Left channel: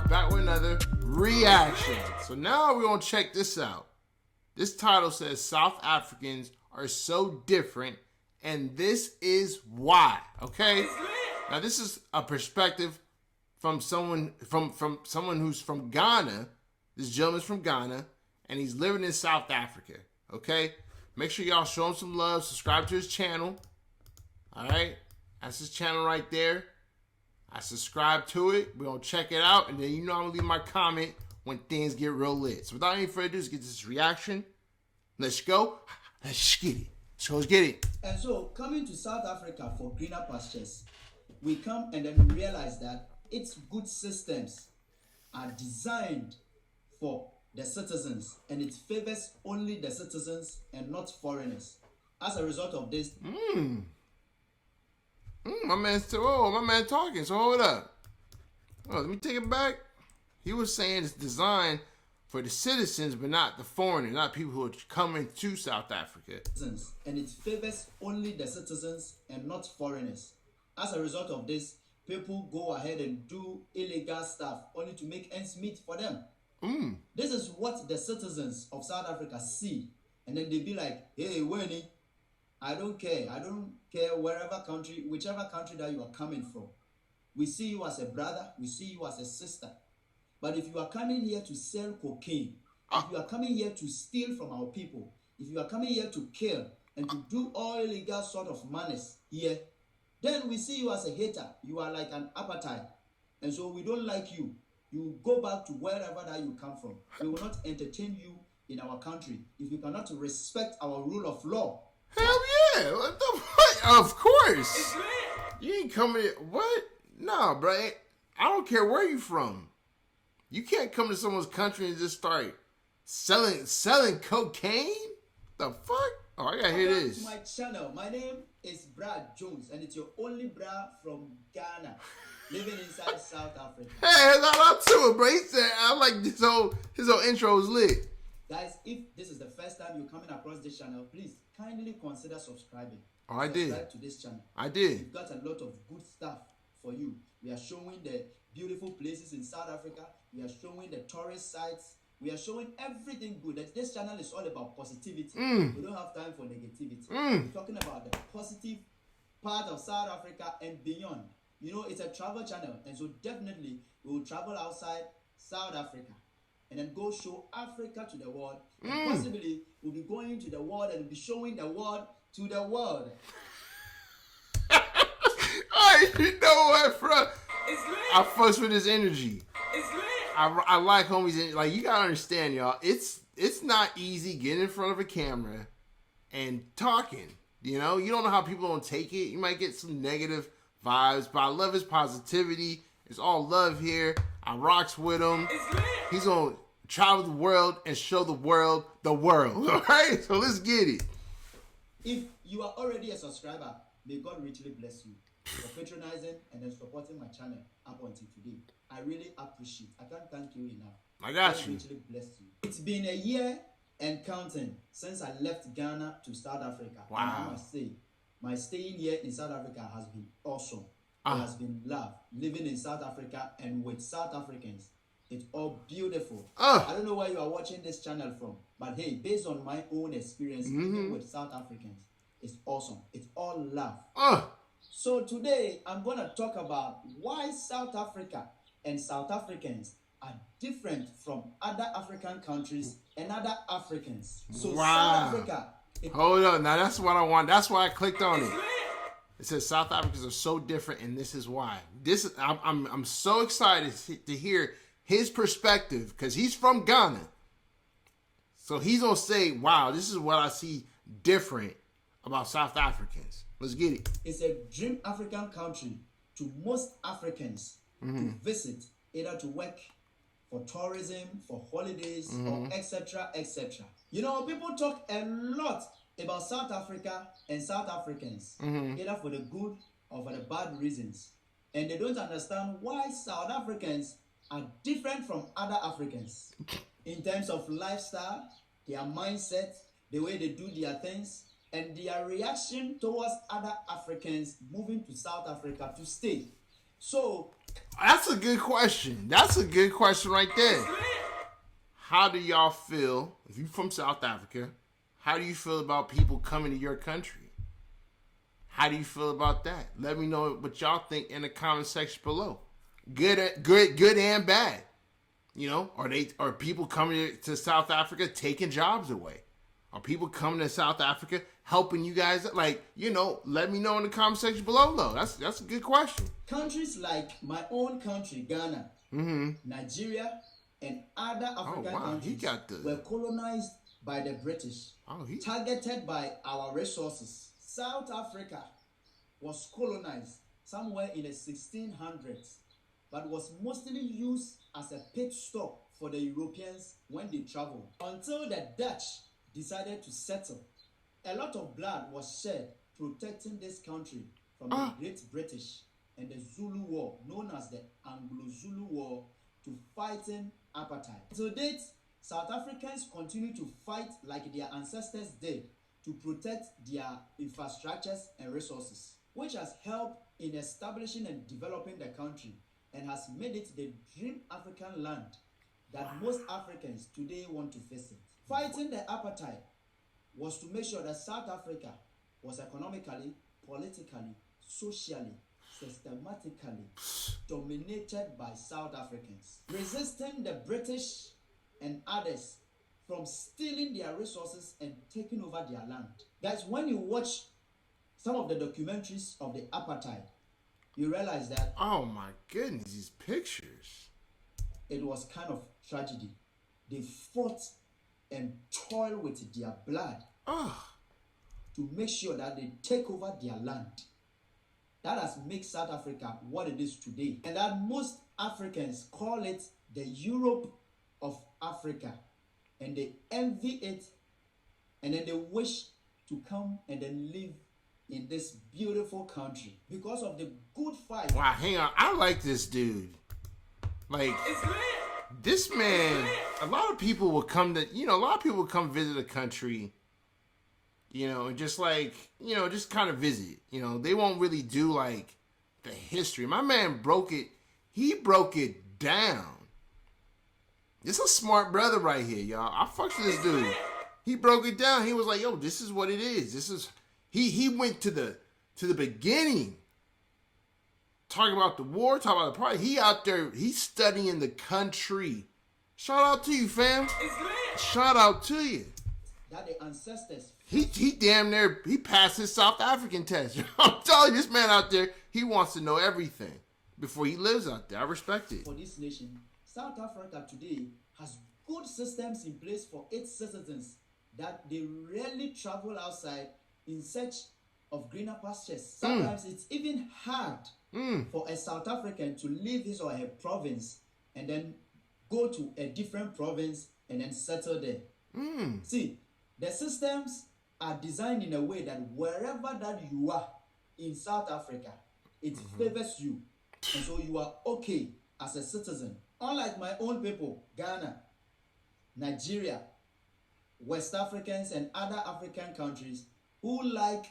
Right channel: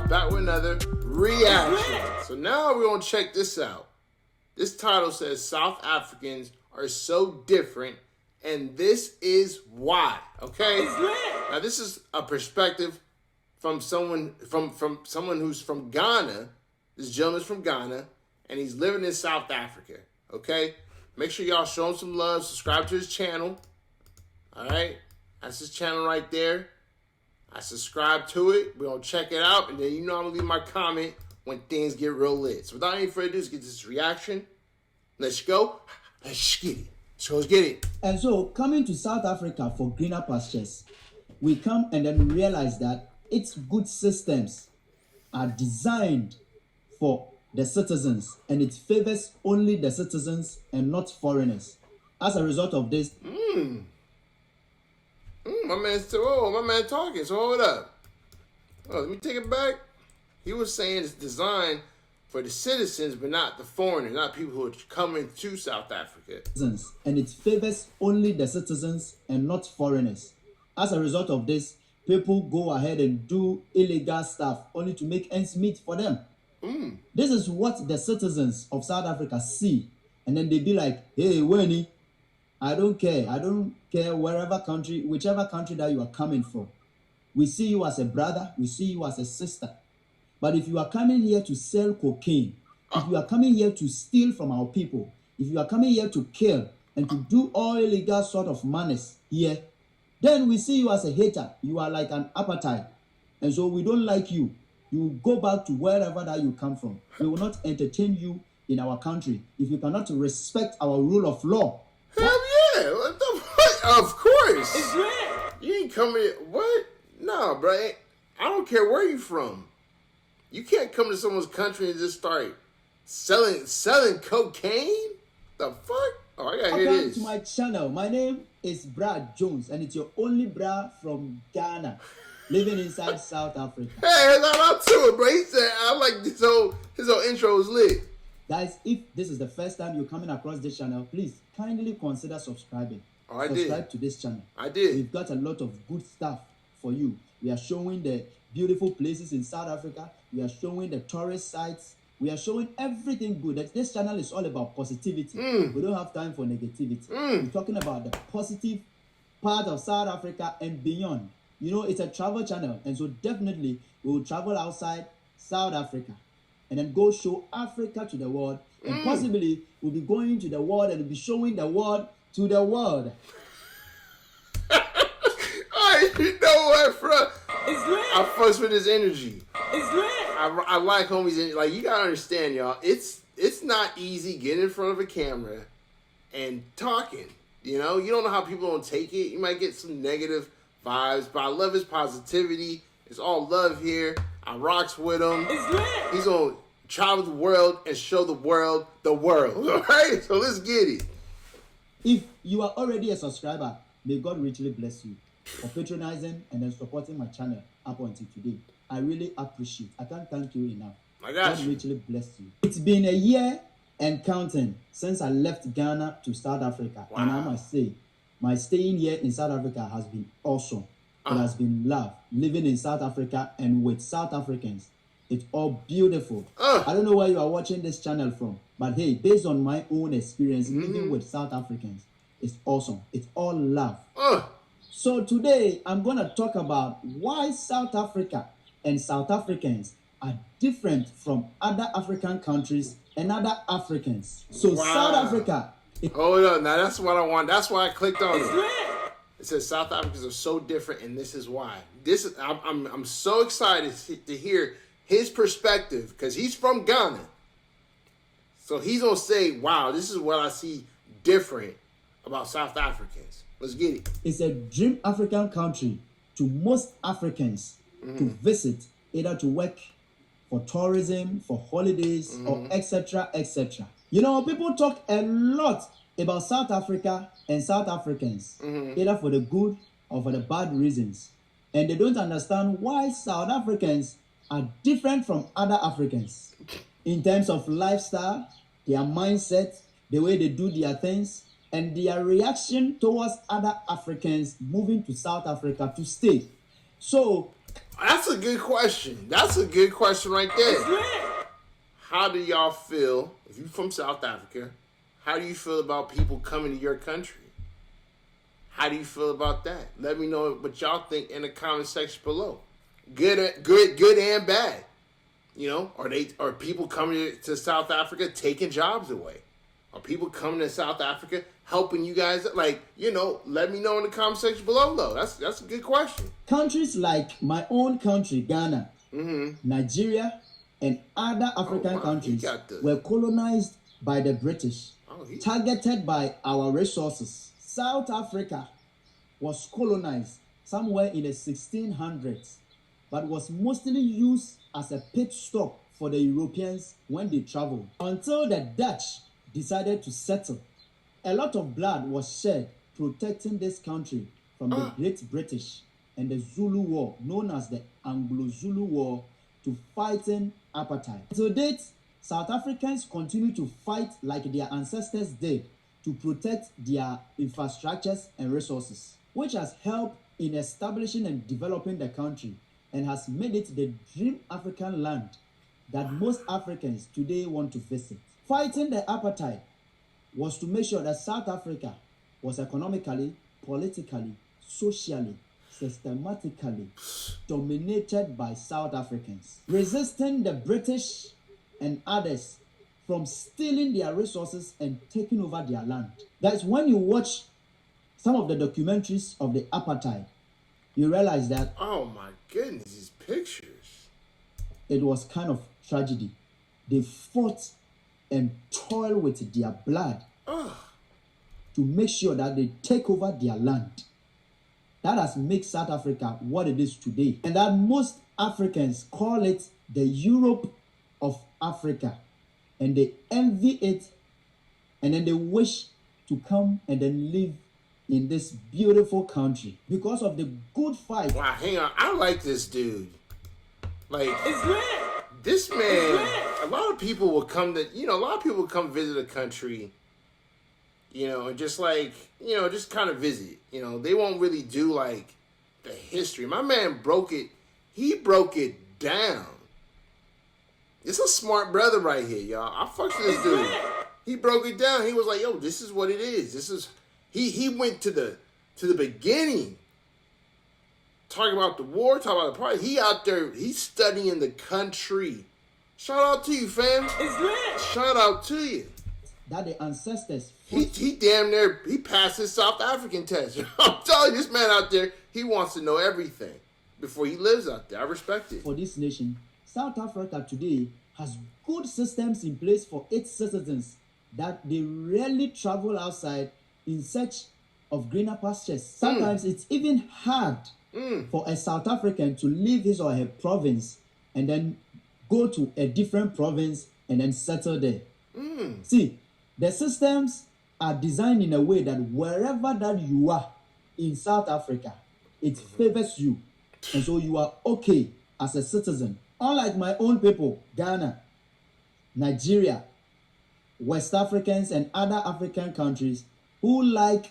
off back with another reaction. So now we're going to check this out. This title says South Africans are so different, and this is why. Okay? Now this is a perspective from someone who's from Ghana. This gentleman's from Ghana, and he's living in South Africa. Okay? Make sure y'all show him some love. Subscribe to his channel. Alright? That's his channel right there. I subscribe to it. We're going to check it out. And then I'm going to leave my comment when things get real lit. So without any further ado, let's get this reaction. Let's go. Let's get it. Let's get it. And so, coming to South Africa for greener pastures, we come and then we realize that its good systems are designed for the citizens, and it favors only the citizens and not foreigners. As a result of this, my man talking. So hold up. Oh, let me take it back. He was saying it's designed for the citizens, but not the foreigners, not people who are coming to South Africa. And it favors only the citizens and not foreigners. As a result of this, people go ahead and do illegal stuff only to make ends meet for them. This is what the citizens of South Africa see, and then they be like, hey, Winnie, I don't care whichever country that you are coming from. We see you as a brother, we see you as a sister. But if you are coming here to sell cocaine, if you are coming here to steal from our people, if you are coming here to kill and to do all illegal sort of manners here, then we see you as a hater. You are like an apartheid. And so we don't like you. You go back to wherever that you come from. We will not entertain you in our country if you cannot respect our rule of law. Hell yeah! What the fuck? Of course! It's lit! You ain't coming here. What? No, bro. I don't care where you from. You can't come to someone's country and just start selling cocaine? The fuck? Oh, I gotta hear this. Welcome to my channel. My name is Brad Jones, and it's your only bra from Ghana, living inside South Africa. Hey, I'm to it, bro. He said, I like his whole intro is lit. Guys, if this is the first time you're coming across this channel, please kindly consider subscribing. Oh, Subscribe to this channel. I did. We've got a lot of good stuff for you. We are showing the beautiful places in South Africa. We are showing the tourist sites. We are showing everything good. This channel is all about positivity. We don't have time for negativity. We're talking about the positive part of South Africa and beyond. You know, it's a travel channel, and so definitely we will travel outside South Africa and then go show Africa to the world, and possibly we'll be going to the world and we'll be showing the world to the world. Alright, you know what, bro? It's lit. I fuss with his energy. It's lit. I like homies' energy. Like, you gotta understand, y'all. It's not easy getting in front of a camera and talking. You know, you don't know how people don't take it. You might get some negative vibes, but I love his positivity. It's all love here. I rocks with him. It's lit. He's gonna travel the world and show the world. Alright? So let's get it. If you are already a subscriber, may God richly bless you for patronizing and then supporting my channel up until today. I really appreciate. I can't thank you enough. God richly bless you. It's been a year and counting since I left Ghana to South Africa. Wow. And I must say, my staying here in South Africa has been awesome. It has been love. Living in South Africa and with South Africans, it's all beautiful. I don't know where you are watching this channel from, but hey, based on my own experience, living with South Africans, it's awesome. It's all love. So today, I'm going to talk about why South Africa and South Africans are different from other African countries and other Africans. So South Africa... Hold on, now that's what I want. That's why I clicked on it. It says South Africans are so different, and this is why. I'm so excited to hear his perspective, because he's from Ghana. So he's going to say, wow, this is what I see different about South Africans. Let's get it. It's a dream African country to most Africans to visit, either to work, for tourism, for holidays, or etc., etc. You know, people talk a lot about South Africa and South Africans, either for the good or for the bad reasons. And they don't understand why South Africans are different from other Africans in terms of lifestyle, their mindset, the way they do their things, and their reaction towards other Africans moving to South Africa to stay. So, That's a good question. That's a good question right there. How do y'all feel, if you're from South Africa, how do you feel about people coming to your country? How do you feel about that? Let me know what y'all think in the comment section below. Good and bad. You know, are people coming to South Africa taking jobs away? Are people coming to South Africa helping you guys? Like, you know, let me know in the comment section below, though. That's a good question. Countries like my own country, Ghana, Nigeria, and other African countries were colonized by the British, targeted by our resources. South Africa was colonized somewhere in the 1600s, but was mostly used as a pit stop for the Europeans when they traveled. Until the Dutch decided to settle, a lot of blood was shed protecting this country from the Great British and the Zulu War, known as the Anglo-Zulu War, to fighting apartheid. To date, South Africans continue to fight like their ancestors did to protect their infrastructures and resources, which has helped in establishing and developing the country and has made it the dream African land that most Africans today want to visit. Fighting the apartheid was to make sure that South Africa was economically, politically, socially, systematically dominated by South Africans, resisting the British and others from stealing their resources and taking over their land. Guys, when you watch some of the documentaries of the apartheid, you realize that, oh my goodness, these pictures. It was kind of tragedy. They fought and toiled with their blood to make sure that they take over their land. That has made South Africa what it is today. And that most Africans call it the Europe of Africa. And they envy it. And then they wish to come and then live in this beautiful country because of the good fight. Wow, hang on. I like this dude. Like, this man, a lot of people will come to, a lot of people will come visit the country, and just like, just kind of visit. They won't really do like the history. My man broke it. He broke it down. This is a smart brother right here, y'all. I fucked with this dude. He broke it down. He was like, yo, this is what it is. This is, he went to the beginning. Talking about the war, talking about the party. He out there, he's studying the country. Shout out to you, fam. It's lit. Shout out to you. That the ancestors. He damn near, he passed his South African test. I'm telling you, this man out there, he wants to know everything before he lives out there. I respect it. For this nation, South Africa today has good systems in place for its citizens that they rarely travel outside in search of greener pastures. Sometimes it's even hard for a South African to leave his or her province and then go to a different province and then settle there. See, the systems are designed in a way that wherever that you are in South Africa, it favors you. And so you are okay as a citizen. Unlike my own people, Ghana, Nigeria, West Africans, and other African countries who like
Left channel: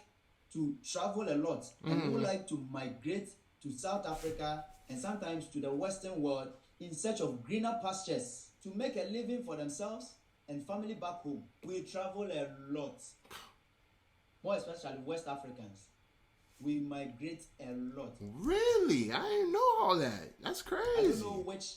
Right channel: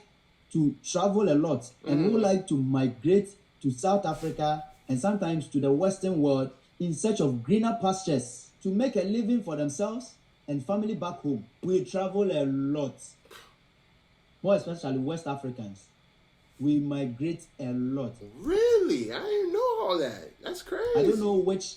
to travel a lot and who like to migrate to South Africa and sometimes to the Western world in search of greener pastures to make a living for themselves and family back home. We travel a lot, more especially West Africans. We migrate a lot. Really? I didn't know all that. That's crazy. I don't know which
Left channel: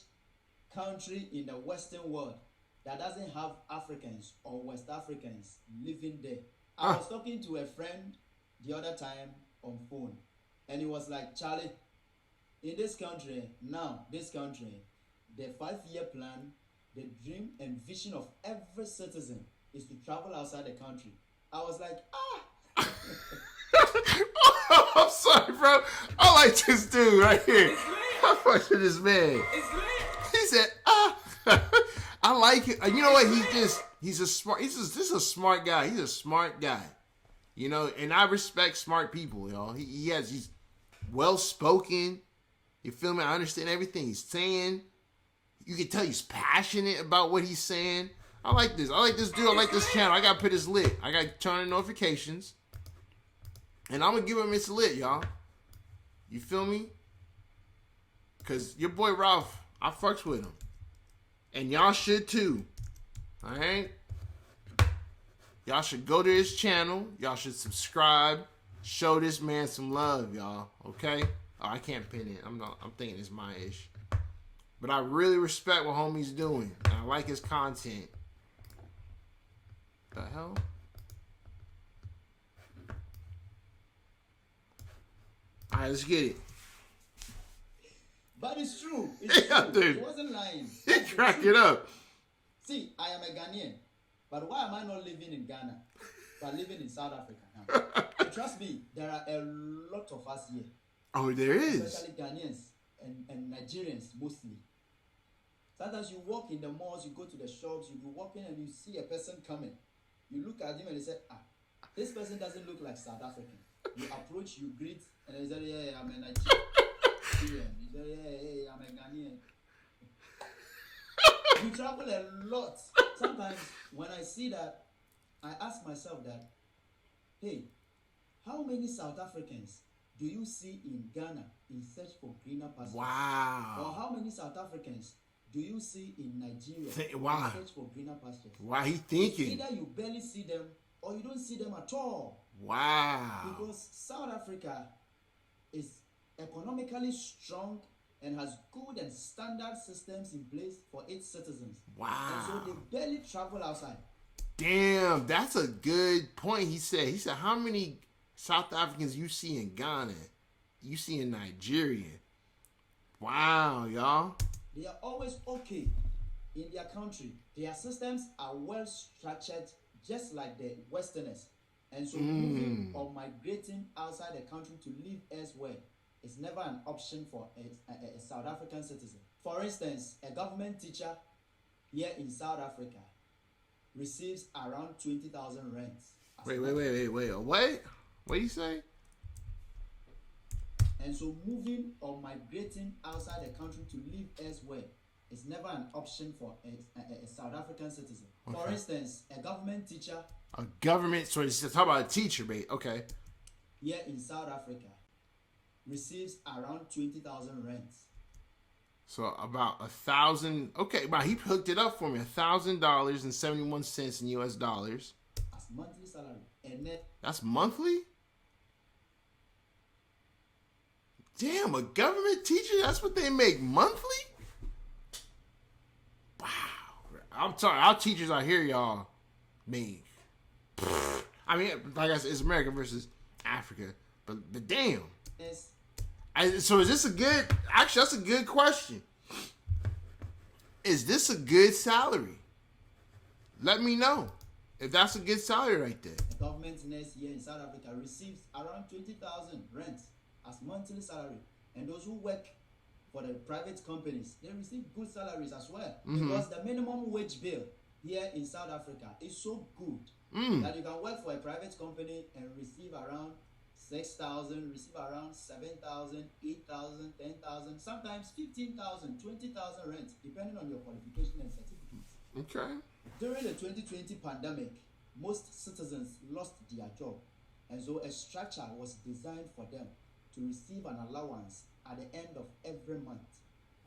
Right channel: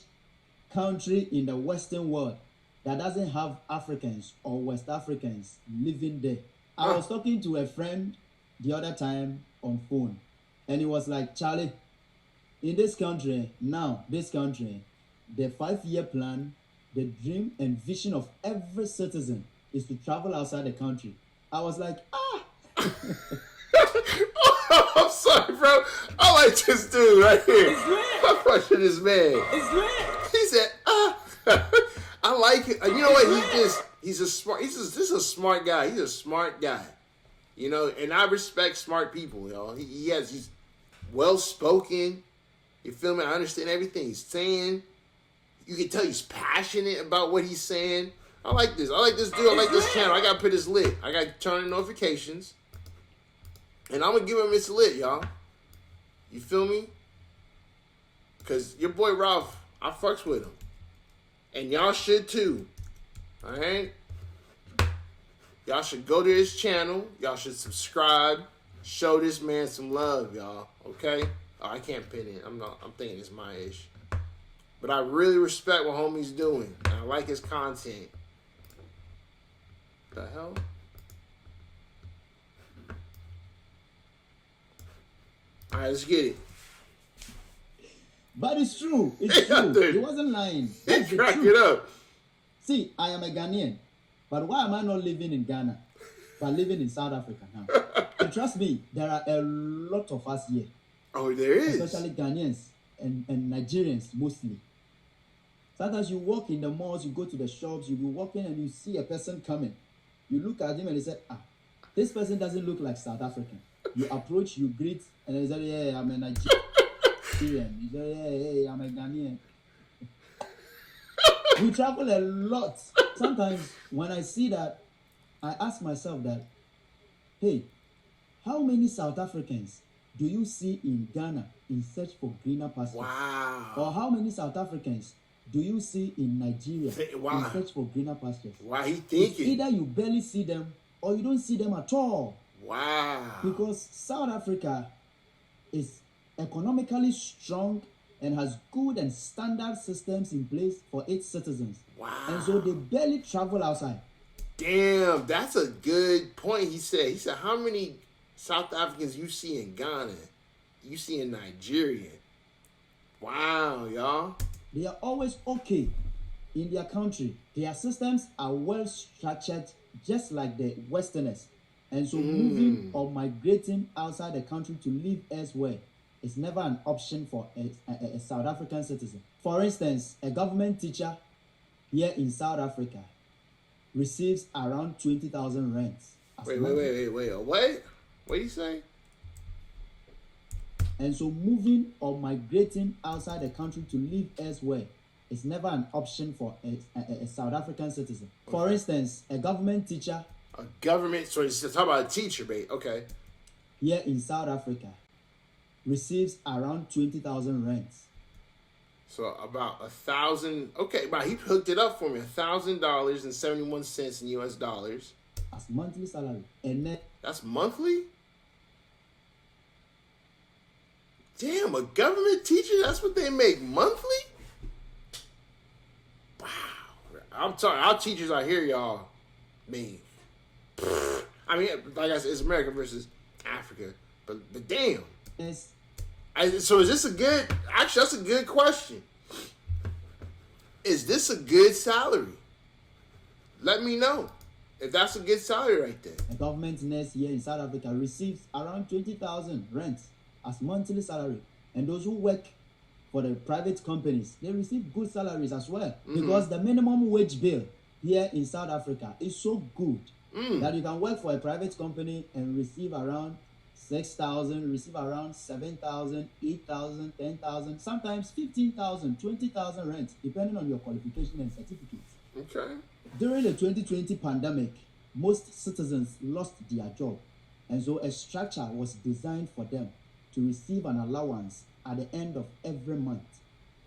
country in the Western world that doesn't have Africans or West Africans living there. I was talking to a friend the other time on phone, and he was like, Charlie, in this country, the 5-year plan, the dream and vision of every citizen is to travel outside the country. I was like, I'm sorry, bro. I like this dude right here. I fuck with this man. He said, I like it. You know what? This is a smart guy. He's a smart guy. And I respect smart people, He's well spoken. You feel me? I understand everything he's saying. You can tell he's passionate about what he's saying. I like this. I like this dude. I like this channel. I gotta put his lit. I gotta turn on notifications. And I'm gonna give him his lit, y'all. You feel me? Because your boy Ralph, I fucks with him. And y'all should too. Alright? Y'all should go to his channel. Y'all should subscribe. Show this man some love, y'all. Okay? Oh, I can't pin it. I'm thinking it's my ish. But I really respect what homie's doing. And I like his content. The hell? Alright, let's get it. But it's true. It's true. He wasn't lying. That's the Crack truth. it up. See, I am a Ghanaian. But why am I not living in Ghana, but living in South Africa now? And trust me, there are a lot of us here. Oh, there is. Especially Ghanaians and Nigerians mostly. Sometimes you walk in the malls, you go to the shops, you be walking and you see a person coming. You look at him and you say, this person doesn't look like South African. You approach, you greet, and they say, yeah, I'm a Nigerian. You say, yeah, I'm a Ghanaian. We travel a lot. Sometimes when I see that, I ask myself that, hey, how many South Africans do you see in Ghana in search for greener pastures? Wow. Or how many South Africans do you see in Nigeria in search for greener pastures? Why he thinking? Either you barely see them or you don't see them at all. Wow. Because South Africa is economically strong and has good and standard systems in place for its citizens. Wow. And so they barely travel outside. Damn, that's a good point. He said, how many South Africans you see in Ghana? You see in Nigeria? Wow, y'all. They are always okay in their country. Their systems are well structured, just like the Westerners. And so moving or migrating outside the country to live elsewhere is never an option for a South African citizen. For instance, a government teacher here in South Africa receives around 20,000 rents. Wait. What? What do you say? And so moving or migrating outside the country to live elsewhere is never an option for a South African citizen. Okay. For instance, a government teacher. So you're talking about a teacher, mate. Okay. Here in South Africa receives around 20,000 rents. So about 1,000. Okay, but he hooked it up for me. $1,000.71 in US dollars. As monthly salary. And net. That's monthly? Damn, a government teacher, that's what they make monthly? Wow. I'm sorry, our teachers out here, y'all, I mean, like I said, it's America versus Africa. But damn. Yes. So is this a good, actually, that's a good question. Is this a good salary? Let me know if that's a good salary right there. A government nurse here in South Africa receives around 20,000 rents as monthly salary. And those who work for the private companies, they receive good salaries as well. Because the minimum wage bill here in South Africa is so good that you can work for a private company and receive around 6,000, receive around 7,000, 8,000, 10,000, sometimes 15,000, 20,000 rent, depending on your qualification and certificates. Okay. During the 2020 pandemic, most citizens lost their job, and so a structure was designed for them to receive an allowance at the end of every month.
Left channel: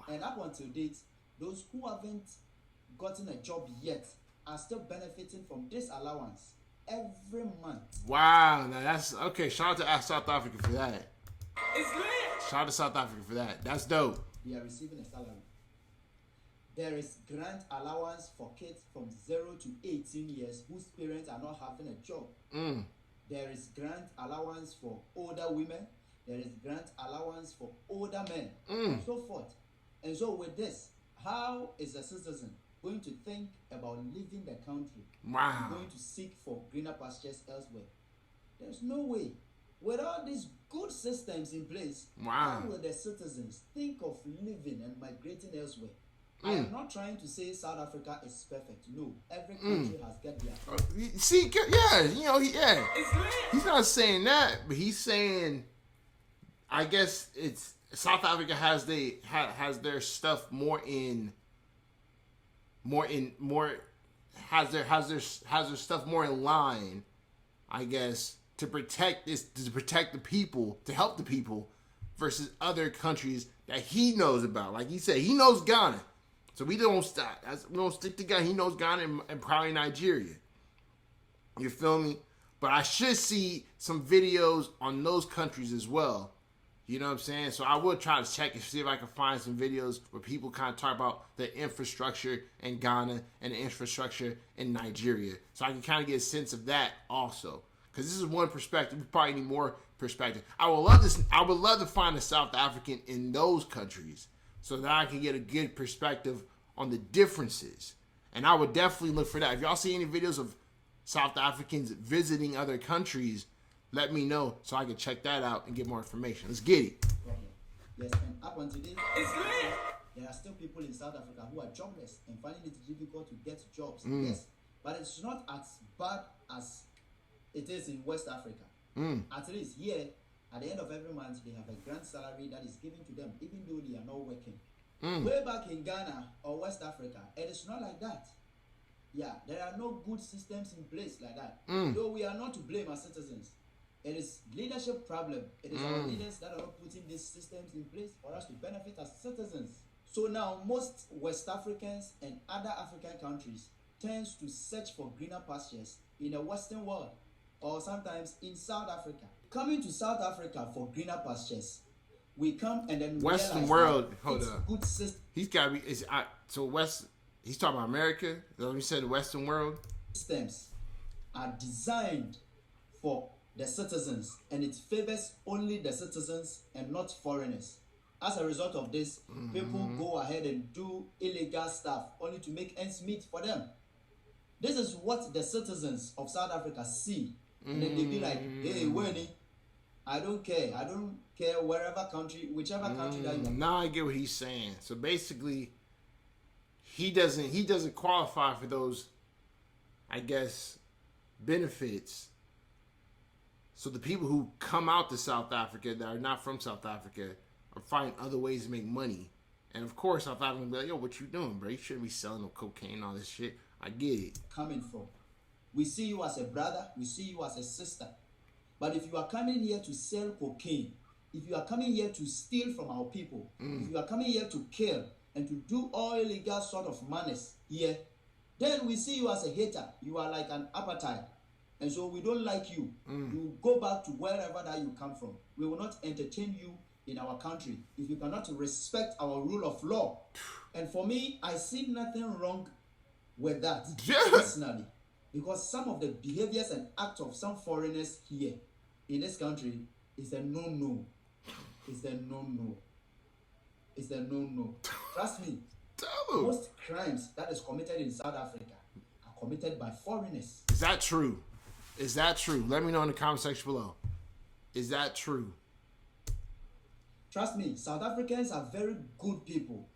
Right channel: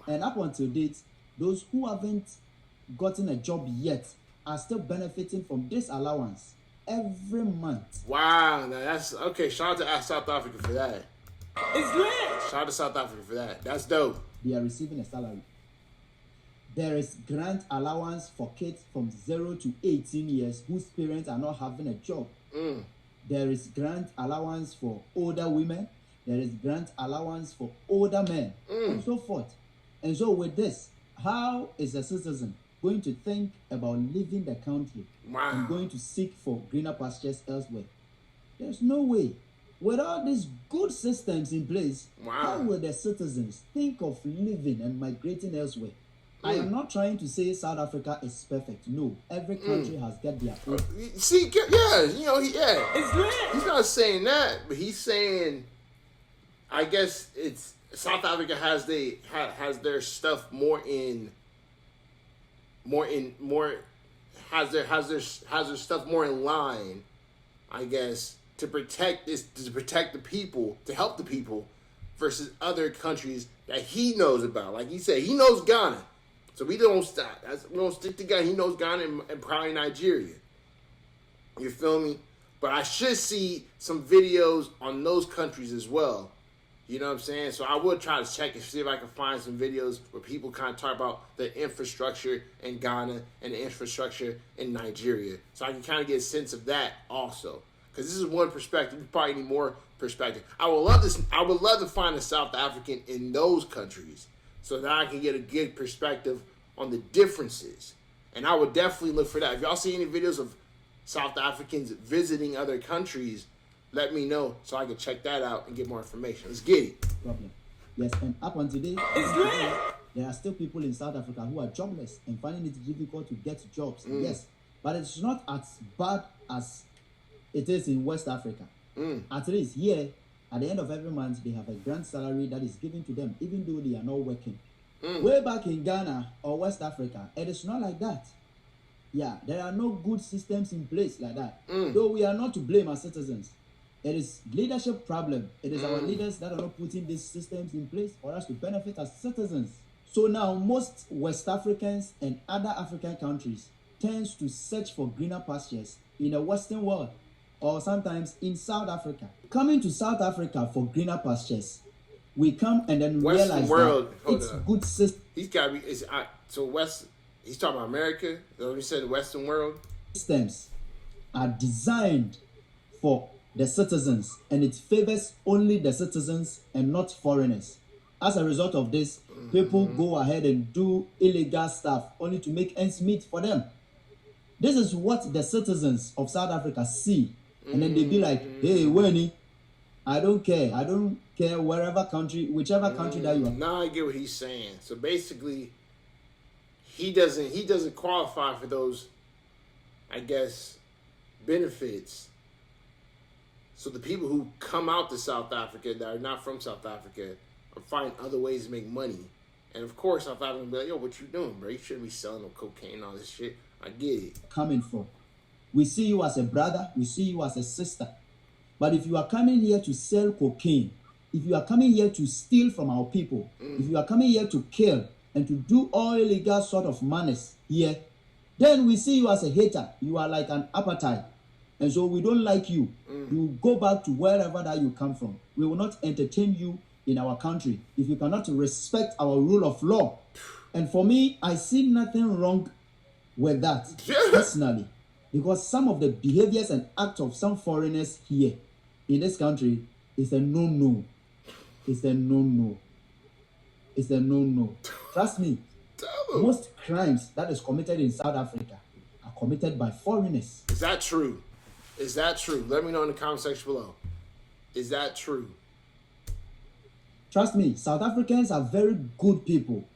And up until date, those who haven't gotten a job yet are still benefiting from this allowance every month. Wow, now that's okay. Shout out to South Africa for that. It's lit. Shout out to South Africa for that. That's dope. They are receiving a salary. There is grant allowance for kids from 0 to 18 years whose parents are not having a job. There is grant allowance for older women. There is grant allowance for older men, and so forth. And so with this, how is a citizen going to think about leaving the country and going to seek for greener pastures elsewhere? There's no way. With all these good systems in place, how will the citizens think of living and migrating elsewhere? I am not trying to say South Africa is perfect. No, every country has got their own. See, it's lit. He's not saying that, but he's saying, I guess it's South Africa has their stuff has their stuff more in line, I guess, to protect the people, to help the people versus other countries that he knows about. Like he said, he knows Ghana. So we don't stop. We don't stick to Ghana. He knows Ghana and probably Nigeria. You feel me? But I should see some videos on those countries as well. You know what I'm saying? So I will try to check and see if I can find some videos where people kind of talk about the infrastructure in Ghana and the infrastructure in Nigeria. So I can kind of get a sense of that also. Because this is one perspective. We probably need more perspective. I would love to find a South African in those countries so that I can get a good perspective on the differences. And I would definitely look for that. If y'all see any videos of South Africans visiting other countries, let me know so I can check that out and get more information. Let's get it. Problem. Yes, and up until today, there are still people in South Africa who are jobless and finding it difficult to get jobs. Yes, but it's not as bad as it is in West Africa. At least here, at the end of every month, they have a grand salary that is given to them, even though they are not working. Way back in Ghana or West Africa, it is not like that. Yeah, there are no good systems in place like that. Though we are not to blame as citizens. It is leadership problem. It is our leaders that are not putting these systems in place for us to benefit as citizens. So now most West Africans and other African countries tends to search for greener pastures in the Western world or sometimes in South Africa. Coming to South Africa for greener pastures, we come and then Western realize world, that it's good system. He's got to be. He's talking about America. Let me say the Western world. Systems are designed for the citizens, and it favors only the citizens and not foreigners. As a result of this, people go ahead and do illegal stuff only to make ends meet for them. This is what the citizens of South Africa see, and then they be like, hey, Winnie, I don't care whichever country that you are. Now I get what he's saying. So basically, he doesn't qualify for those, I guess, benefits. So the people who come out to South Africa that are not from South Africa are finding other ways to make money. And of course, South Africa will be like, yo, what you doing, bro? You shouldn't be selling no cocaine and all this shit. I get it. Coming from. We see you as a brother. We see you as a sister. But if you are coming here to sell cocaine, if you are coming here to steal from our people, if you are coming here to kill and to do all illegal sort of manners here, then we see you as a hater. You are like an appetite. And so we don't like you. You go back to wherever that you come from. We will not entertain you in our country if you cannot respect our rule of law. And for me, I see nothing wrong with that personally. Because some of the behaviors and acts of some foreigners here in this country is a no-no. It's a no-no. It's a no-no. Trust me, most crimes that is committed in South Africa are committed by foreigners. Is that true? Is that true? Let me know in the comment section below. Is that true? Trust me, South Africans are very good people.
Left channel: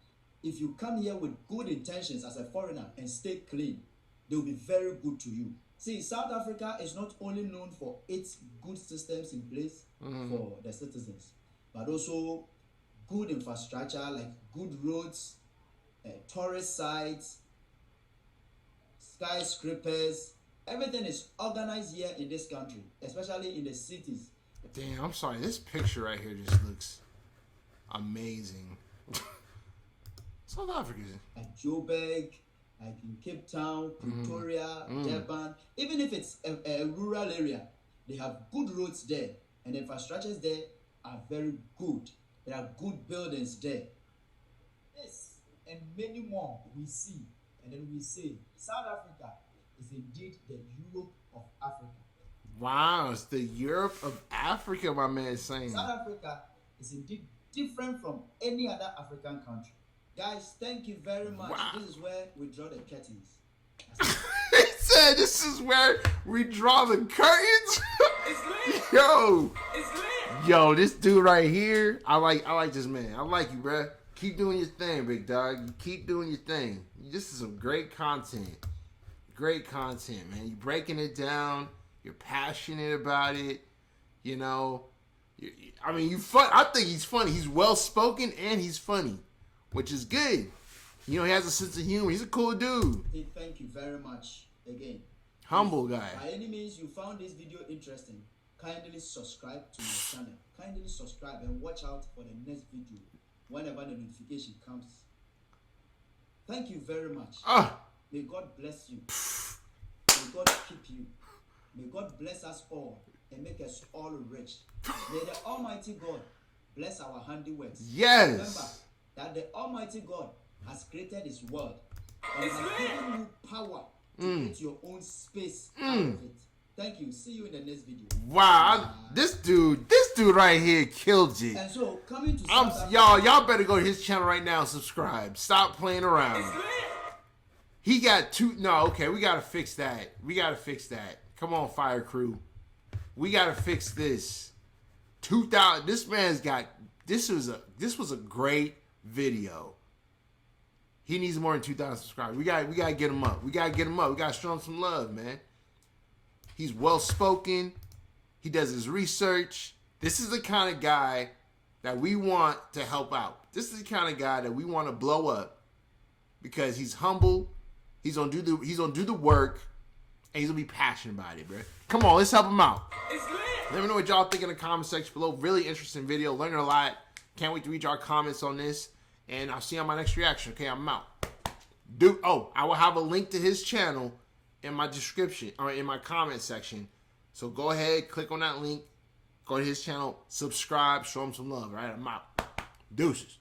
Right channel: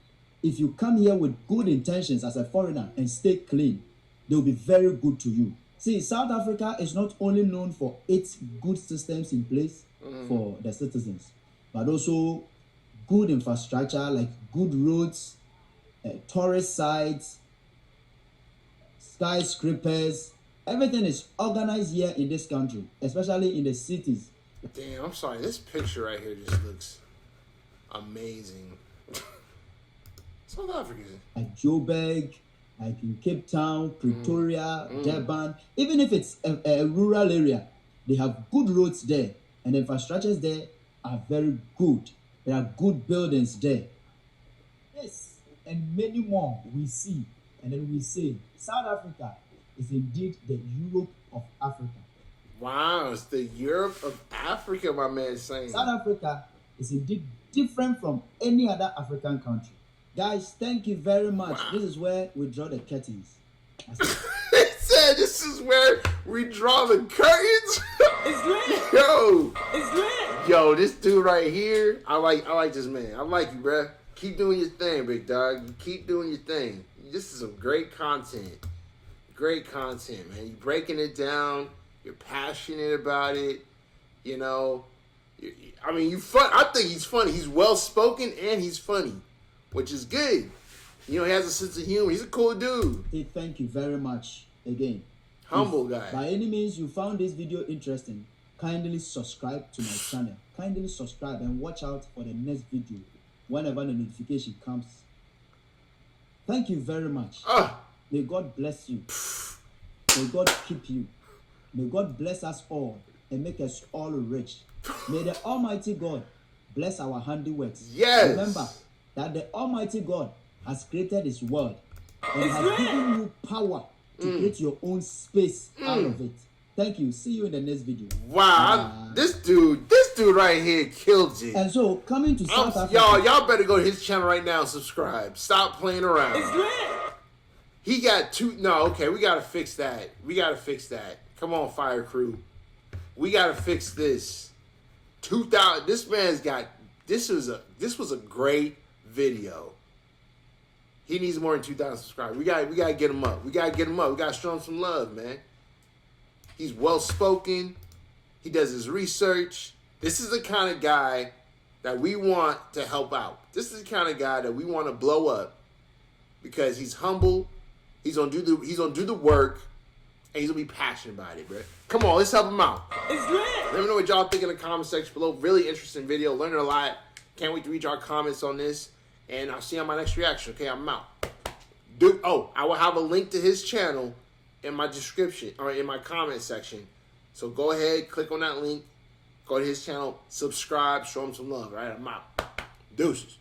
If you come here with good intentions as a foreigner and stay clean, they'll be very good to you. See, South Africa is not only known for its good systems in place for the citizens, but also good infrastructure like good roads, tourist sites, skyscrapers. Everything is organized here in this country, especially in the cities. Damn, I'm sorry. This picture right here just looks amazing. South Africa. Like Joburg, like in Cape Town, Pretoria, Durban. Even if it's a rural area, they have good roads there, and the infrastructures there are very good. There are good buildings there. Yes, and many more we see, and then we say South Africa is indeed the Europe of Africa. Wow, it's the Europe of Africa, my man is saying. South Africa is indeed different from any other African country. Guys, thank you very much. Wow. This is where we draw the curtains. He said this is where we draw the curtains? It's lit. Yo. It's lit. Yo, this dude right here, I like this man. I like you, bruh. Keep doing your thing, big dog. You keep doing your thing. This is some great content. Great content, man. You're breaking it down. You're passionate about it. You know. I mean, you fun. I think he's funny. He's well-spoken and he's funny, which is good. You know, he has a sense of humor. He's a cool dude. Hey, thank you very much again. Humble guy. By any means you found this video interesting, kindly subscribe to my channel. kindly subscribe and watch out for the next video whenever the notification comes. Thank you very much. May God bless you. May God keep you. May God bless us all and make us all rich. May the Almighty God bless our handiworks. Yes. Remember that the Almighty God has created His world and has given you power to create your own space out of it. Thank you. See you in the next video. Wow, this dude right here killed you. And so, coming to South Africa, y'all better go to his channel right now and subscribe. Stop playing around. He got two. No, okay, we gotta fix that. Come on, fire crew. We gotta fix this. 2,000. This man's got. This was a great video. He needs more than 2,000 subscribers. We gotta get him up. We gotta show him some love, man. He's well spoken. He does his research. This is the kind of guy that we want to help out. This is the kind of guy that we want to blow up because he's humble. He's gonna do the work, and he's gonna be passionate about it, bro. Come on, let's help him out. Let me know what y'all think in the comment section below. Really interesting video. Learning a lot. Can't wait to read your comments on this. And I'll see you on my next reaction. Okay, I'm out. I will have a link to his channel in my description or in my comment section. So go ahead, click on that link, go to his channel, subscribe, show him some love. All right, I'm out. Deuces.